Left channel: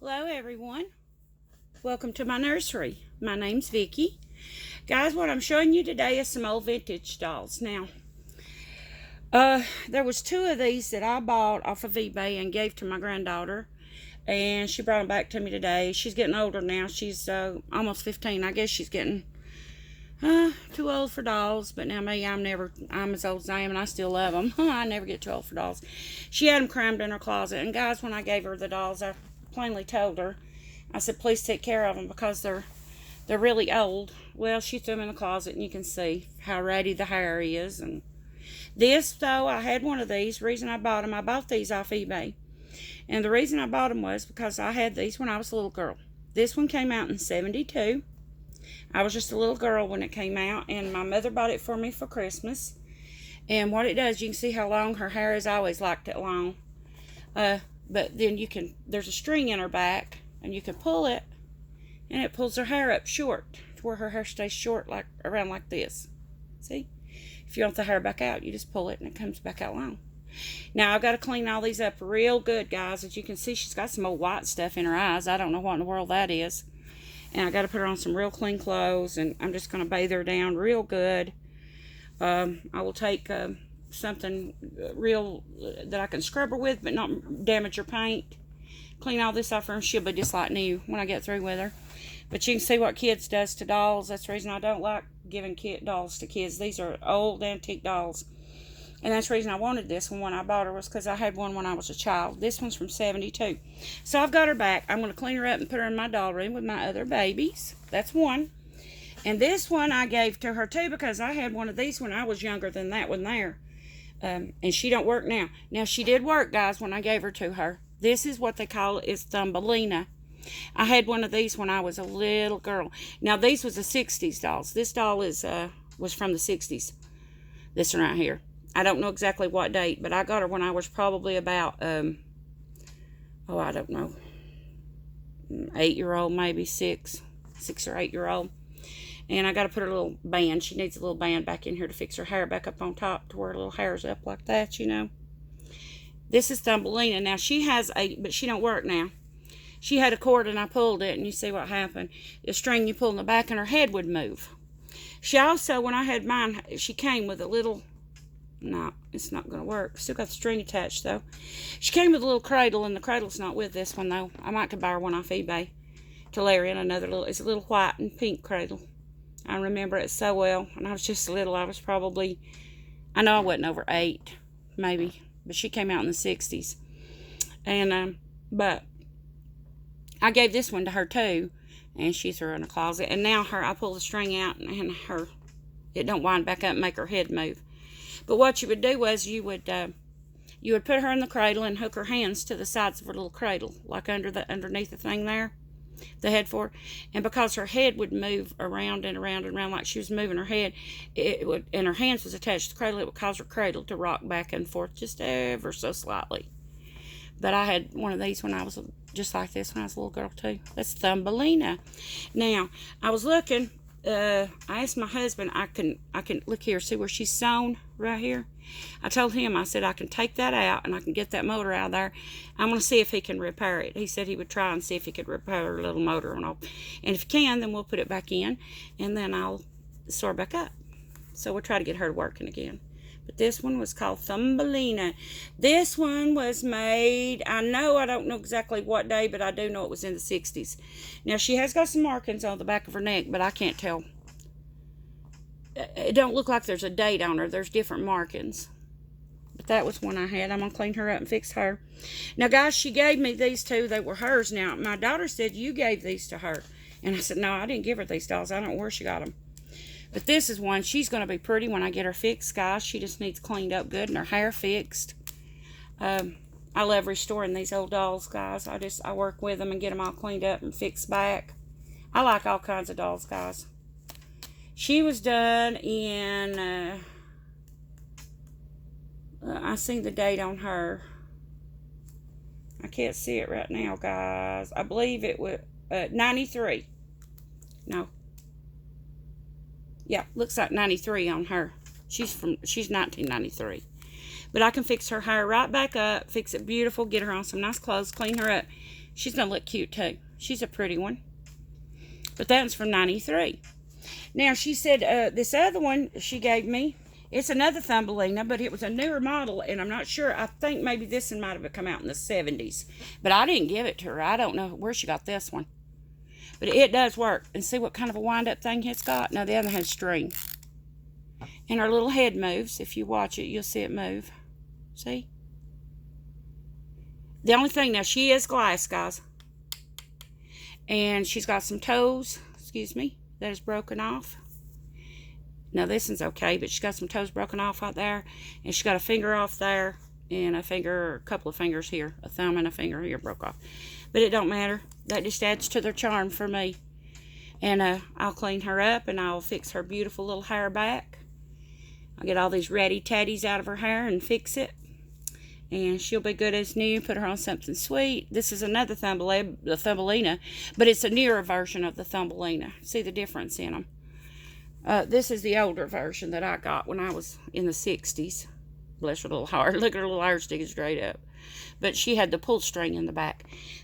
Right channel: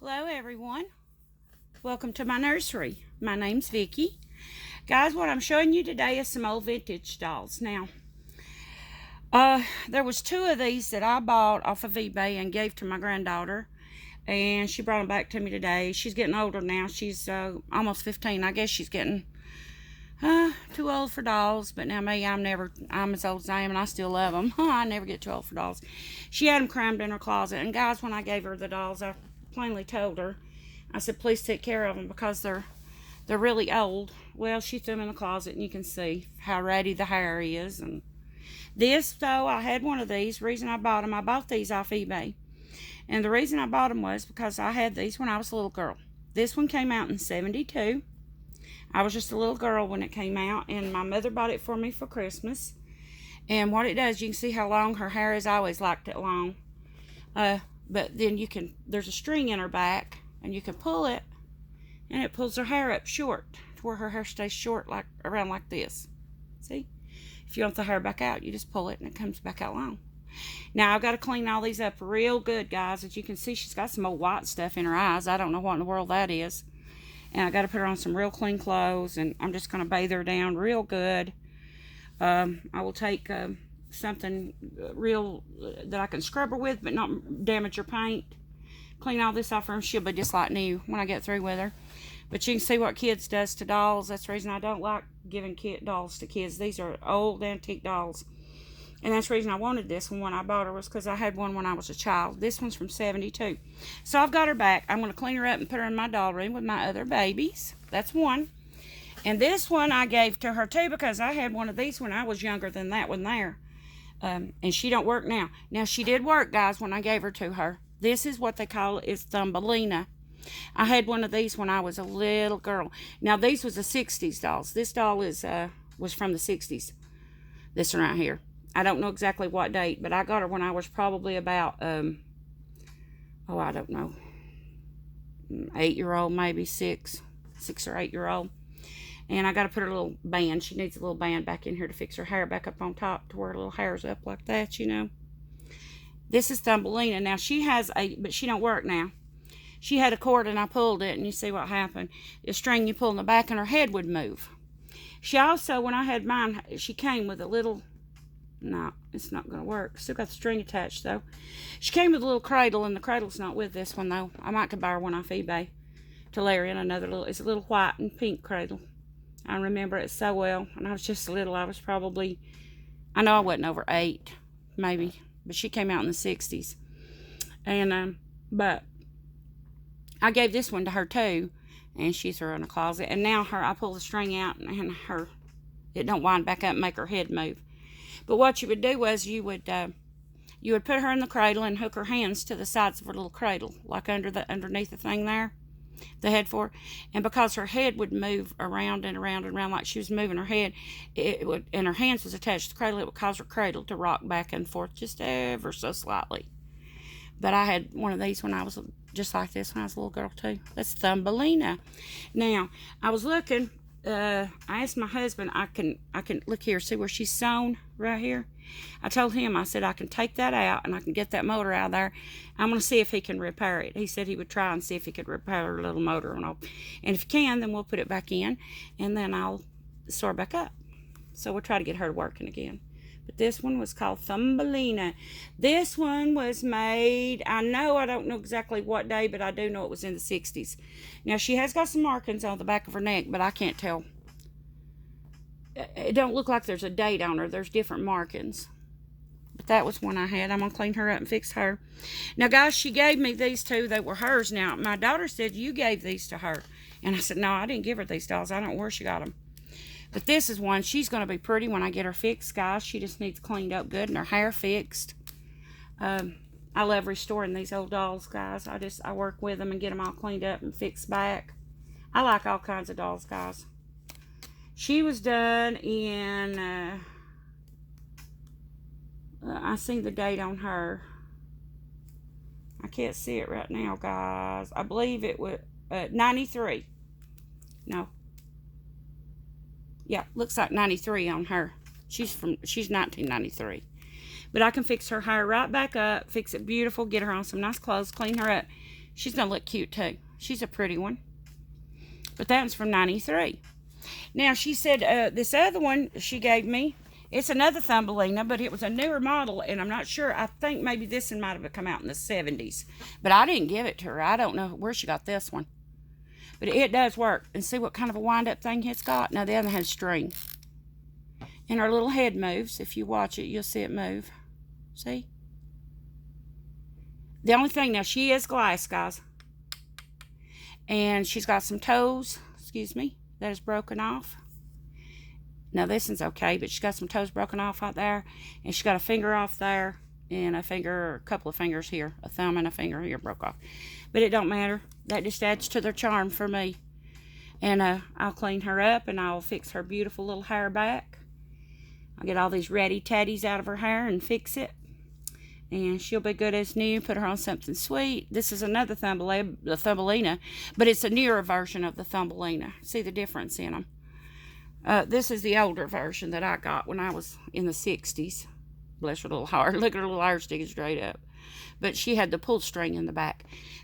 Hello everyone, welcome to my nursery. My name's Vicki. Guys, what I'm showing you today is some old vintage dolls. Now, there was two of these that I bought off of eBay and gave to my granddaughter, and she brought them back to me today. She's getting older now. She's almost 15. I guess she's getting too old for dolls, but now me, I'm as old as I am, and I still love them. I never get too old for dolls. She had them crammed in her closet, and guys, when I gave her the dolls, I plainly told her, I said, please take care of them because they're really old. Well, she threw them in the closet, and you can see how ratty the hair is. And this, though, I had one of these. The reason I bought these off eBay. And the reason I bought them was because I had these when I was a little girl. This one came out in 72. I was just a little girl when it came out, and my mother bought it for me for Christmas. And what it does, you can see how long her hair is. I always liked it long. But then there's a string in her back, and you can pull it, and it pulls her hair up short to where her hair stays short, like around like this. See? If you want the hair back out, you just pull it, and it comes back out long. Now, I've got to clean all these up real good, guys. As you can see, she's got some old white stuff in her eyes. I don't know what in the world that is. And I got to put her on some real clean clothes, and I'm just going to bathe her down real good. I will take something real that I can scrub her with, but not damage her paint. Clean all this off her, and she'll be just like new when I get through with her. But you can see what kids does to dolls. That's the reason I don't like giving dolls to kids. These are old antique dolls. And that's the reason I wanted this one when I bought her, was because I had one when I was a child. This one's from 72. So I've got her back. I'm going to clean her up and put her in my doll room with my other babies. That's one. And this one I gave to her too, because I had one of these when I was younger than that one there. And she don't work now. Now, she did work, guys, when I gave her to her. This is what they call it, is Thumbelina. I had one of these when I was a little girl. Now, these was the 60s dolls. This doll was from the 60s. This one right here. I don't know exactly what date, but I got her when I was probably about, I don't know, 8-year-old, maybe 6 or 8-year-old. And I got to put her little band. She needs a little band back in here to fix her hair back up on top to where her little hair's up like that, you know. This is Thumbelina. Now, but she don't work now. She had a cord, and I pulled it, and you see what happened. The string you pull in the back, and her head would move. She also, when I had mine, she came with a little... No, it's not going to work. Still got the string attached, though. She came with a little cradle, and the cradle's not with this one, though. I might could buy her one off eBay to lay her in it's a little white and pink cradle. I remember it so well. And I was just little. I was probably, I know I wasn't over 8, maybe. But she came out in the 60s. And, but I gave this one to her, too. And she threw her in a closet. And now I pull the string out, and it don't wind back up and make her head move. But what you would do was you would put her in the cradle and hook her hands to the sides of her little cradle, like underneath the thing there, the head for her. And because her head would move around and around and around like she was moving her head, and her hands was attached to the cradle, it would cause her cradle to rock back and forth just ever so slightly. But I had one of these when I was just like this when I was a little girl too. That's Thumbelina. Now, I was looking. I asked my husband, I can look here, see where she's sewn right here. I told him, I said, I can take that out and I can get that motor out of there. I'm going to see if he can repair it. He said he would try and see if he could repair her little motor and all. And if he can, then we'll put it back in, and then I'll sew her back up. So we'll try to get her working again. But this one was called Thumbelina. This one was made, I don't know exactly what day, but I do know it was in the 60s. Now, she has got some markings on the back of her neck, but I can't tell. It don't look like there's a date on her. There's different markings. But that was one I had. I'm going to clean her up and fix her. Now, guys, she gave me these two. They were hers. Now, my daughter said, you gave these to her. And I said, no, I didn't give her these dolls. I don't know where she got them. But this is one. She's going to be pretty when I get her fixed, guys. She just needs cleaned up good and her hair fixed. I love restoring these old dolls, guys. I work with them and get them all cleaned up and fixed back. I like all kinds of dolls, guys. She was done in, I seen the date on her. I can't see it right now, guys. I believe it was 93. No. Yeah, looks like 93 on her. She's 1993. But I can fix her hair right back up, fix it beautiful, get her on some nice clothes, clean her up. She's going to look cute too. She's a pretty one. But that one's from 93. Now, she said this other one she gave me, it's another Thumbelina, but it was a newer model, and I'm not sure. I think maybe this one might have come out in the 70s. But I didn't give it to her. I don't know where she got this one. But it does work. And see what kind of a wind-up thing it's got? Now, the other has string. And her little head moves. If you watch it, you'll see it move. See? The only thing, now, she is glass, guys. And she's got some toes, excuse me, that is broken off. Now, this one's okay, but she's got some toes broken off right there. And she's got a finger off there. And a finger, a couple of fingers here. A thumb and a finger here broke off. But it don't matter. That just adds to their charm for me. And I'll clean her up and I'll fix her beautiful little hair back. I'll get all these ratty tatties out of her hair and fix it. And she'll be good as new. Put her on something sweet. This is another Thumbelina, but it's a newer version of the Thumbelina. See the difference in them. This is the older version that I got when I was in the 60s. Bless her little heart. Look at her little hair sticking straight up. But she had the pull string in the back.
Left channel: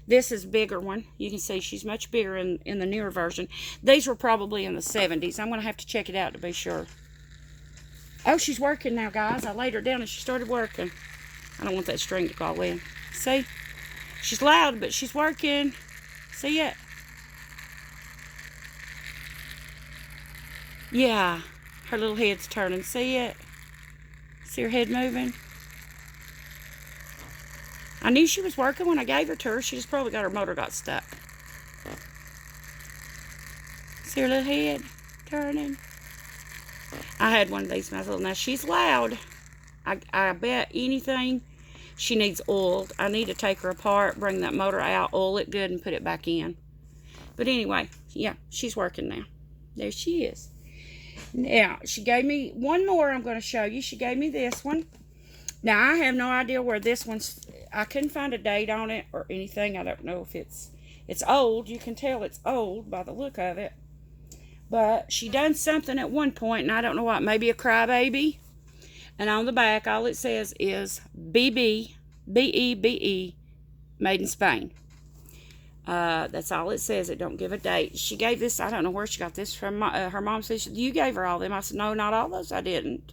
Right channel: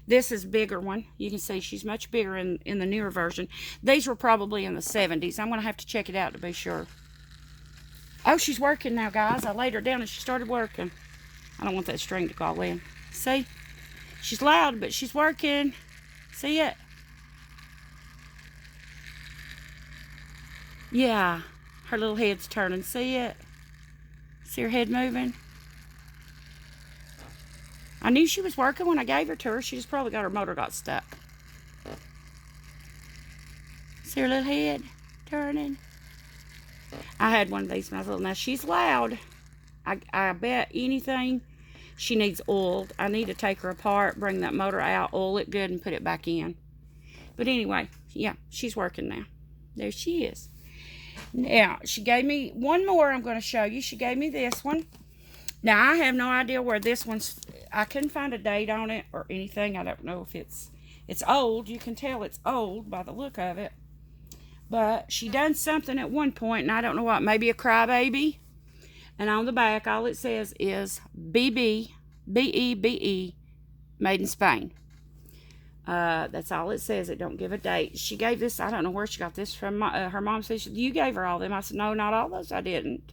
This is a bigger one. You can see she's much bigger in the newer version. These were probably in the 70s. I'm going to have to check it out to be sure. Oh, she's working now, guys. I laid her down and she started working. I don't want that string to fall in. See? She's loud, but she's working. See it? Yeah. Her little head's turning. See it? See her head moving? I knew she was working when I gave her to her. She just probably got her motor got stuck. See her little head turning? I had one of these when I was little. Now, she's loud. I bet anything she needs oiled. I need to take her apart, bring that motor out, oil it good, and put it back in. But anyway, yeah, she's working now. There she is. Now, she gave me one more I'm going to show you. She gave me this one. Now, I have no idea where this one's... I couldn't find a date on it or anything. I don't know if it's old. You can tell it's old by the look of it. But she done something at one point, and I don't know what. Maybe a crybaby. And on the back, all it says is BB, B-E-B-E, made in Spain. That's all it says. It don't give a date. She gave this, I don't know where she got this from. Her mom says, you gave her all them. I said, no, not all those. I didn't.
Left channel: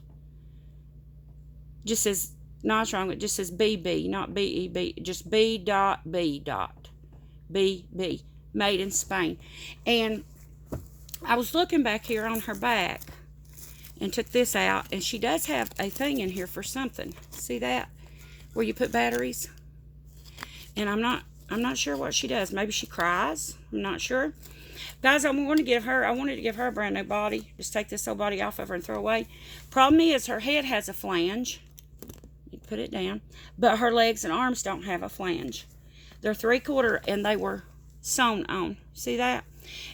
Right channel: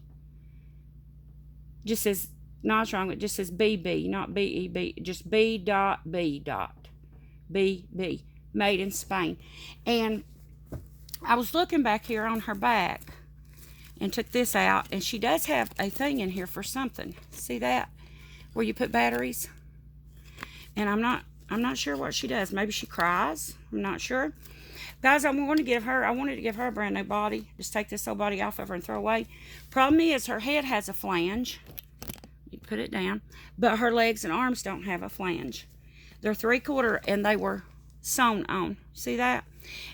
Just says, no, it's wrong. It just says BB, not B-E-B. Just B dot B dot. B-B, made in Spain. And I was looking back here on her back and took this out, and she does have a thing in here for something. See that? Where you put batteries. And I'm not sure what she does. Maybe she cries. I'm not sure. Guys, I wanted to give her a brand new body. Just take this old body off of her and throw away. Problem is, her head has a flange. You put it down. But her legs and arms don't have a flange. They're 3/4, and they were sewn on. See that?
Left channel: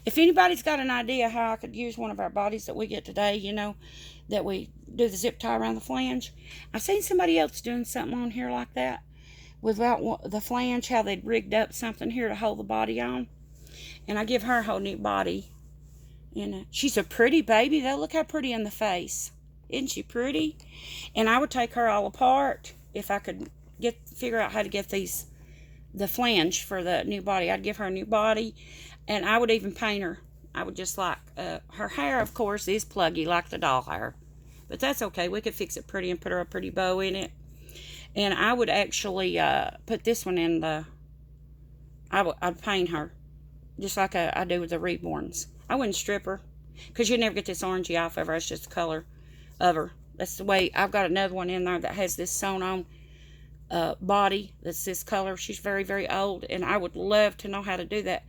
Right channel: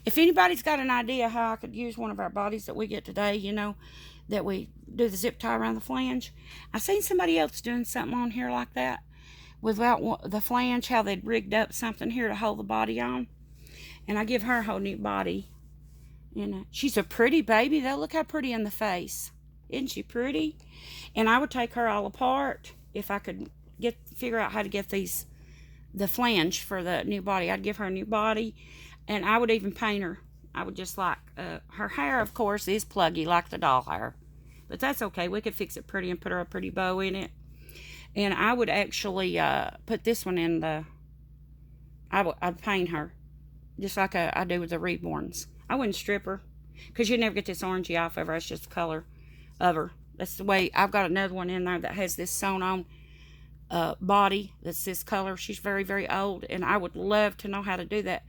If anybody's got an idea how I could use one of our bodies that we get today, you know, that we do the zip tie around the flange. I've seen somebody else doing something on here like that without the flange, how they'd rigged up something here to hold the body on. And I give her a whole new body. And she's a pretty baby, though. Look how pretty in the face. Isn't she pretty? And I would take her all apart if I could figure out how to get the flange for the new body. I'd give her a new body. And I would even paint her. I would just like, her hair, of course, is pluggy like the doll hair. But that's okay. We could fix it pretty and put her a pretty bow in it. And I would actually put this one in I'd paint her. Just like I do with the Reborns. I wouldn't strip her. Because you'd never get this orangey off of her. It's just the color of her. That's the way. I've got another one in there that has this sewn on body. That's this color. She's very, very old. And I would love to know how to do that.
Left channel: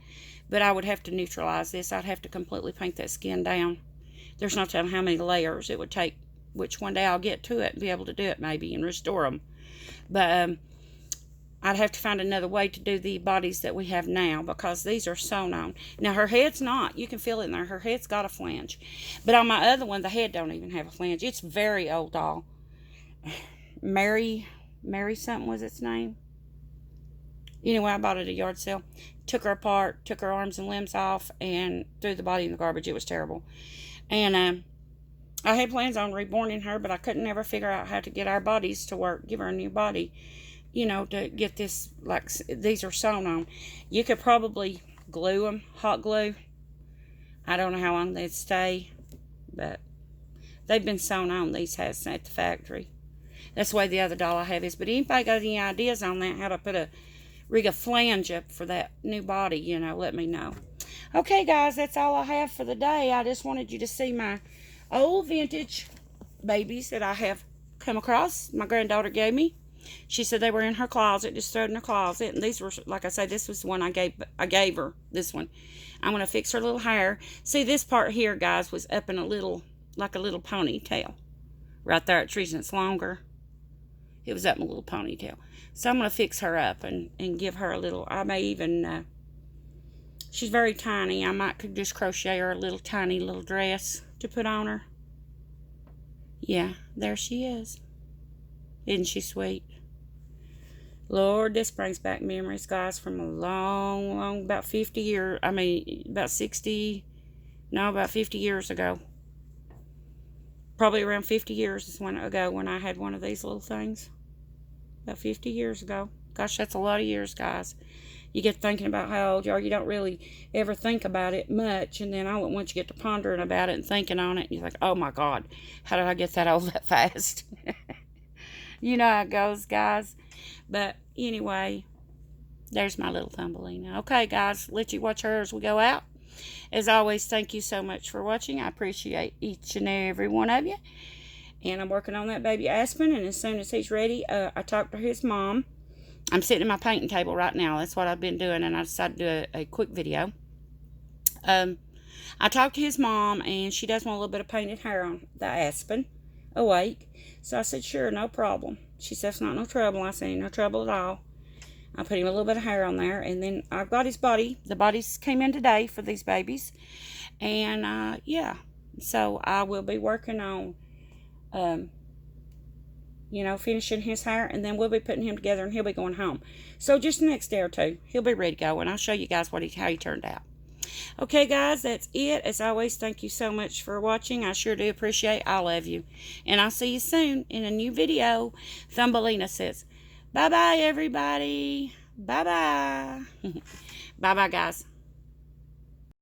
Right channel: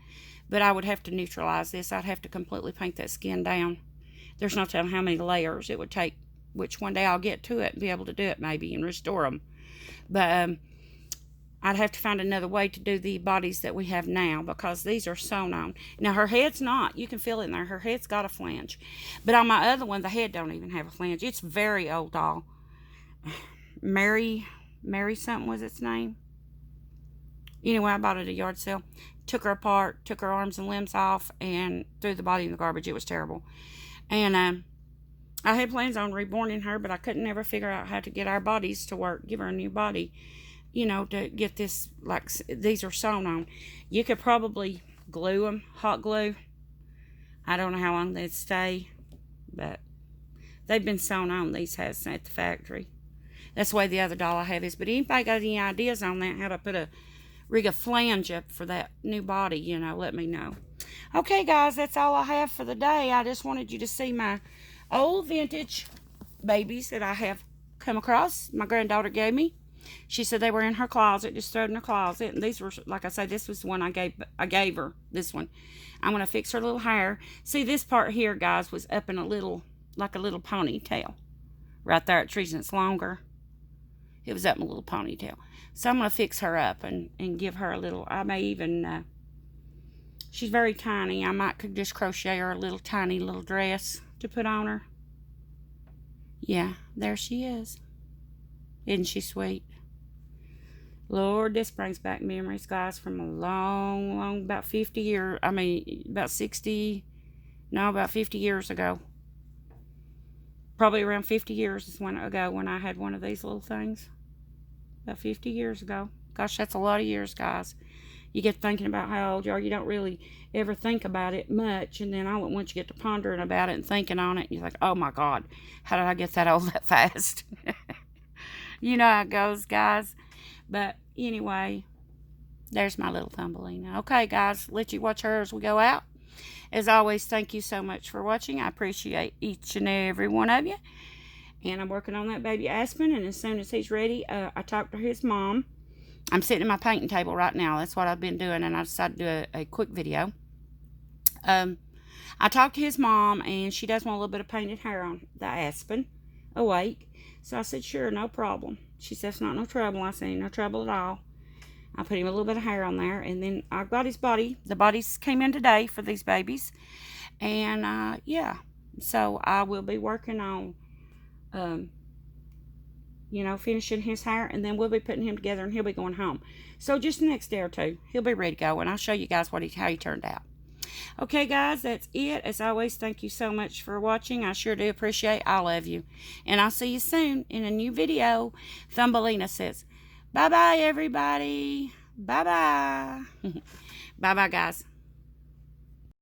But I would have to neutralize this. I'd have to completely paint that skin down. There's no telling how many layers it would take, which one day I'll get to it and be able to do it maybe and restore them. But I'd have to find another way to do the bodies that we have now because these are sewn on. Now, her head's not. You can feel it in there. Her head's got a flange. But on my other one, the head don't even have a flange. It's very old doll. Mary something was its name. Anyway, I bought it at a yard sale. Took her apart, took her arms and limbs off, and threw the body in the garbage. It was terrible. And I had plans on reborning her, but I couldn't ever figure out how to get our bodies to work, give her a new body. you know, to get this, like, these are sewn on. You could probably glue them, hot glue. I don't know how long they'd stay, but they've been sewn on, these hats, at the factory. That's the way the other doll I have is. But anybody got any ideas on that, how to rig a flange up for that new body, you know, let me know. Okay, guys, that's all I have for the day. I just wanted you to see my old vintage babies that I have come across. My granddaughter gave me. She said they were in her closet, just stood in her closet. And these were, like I say, this was the one I gave her, this one. I'm going to fix her little hair. See, this part here, guys, was up in a little, like a little ponytail. Right there, it's reason it's longer. It was up in a little ponytail. So I'm going to fix her up and give her a little, I may even, she's very tiny. I might could just crochet her a little tiny little dress to put on her. Yeah, there she is. Isn't she sweet? Lord, this brings back memories, guys, from a long, about 50 years, I mean, about 60, no, about 50 years ago. Probably around 50 years ago when I had one of these little things. About 50 years ago. Gosh, that's a lot of years, guys. You get thinking about how old you are. You don't really ever think about it much. And then once you get to pondering about it and thinking on it, you're like, oh my God, how did I get that old that fast? You know how it goes, guys. But anyway, there's my little Thumbelina. Okay, guys, let you watch her as we go out. As always, thank you so much for watching. I appreciate each and every one of you. And I'm working on that baby Aspen, and as soon as he's ready, I talked to his mom. I'm sitting at my painting table right now. That's what I've been doing, and I decided to do a quick video. I talked to his mom, and she does want a little bit of painted hair on the Aspen awake. So I said, sure, no problem. She said, it's not no trouble. I said, no trouble at all. I put him a little bit of hair on there, and then I got his body. The bodies came in today for these babies. And, yeah, so I will be working on, you know, finishing his hair, and then we'll be putting him together, and he'll be going home. So just the next day or two, he'll be ready to go, and I'll show you guys how he turned out. Okay, guys, that's it. As always, thank you so much for watching. I sure do appreciate all of you. And I'll see you soon in a new video. Thumbelina says, bye-bye, everybody. Bye-bye. Bye-bye, guys.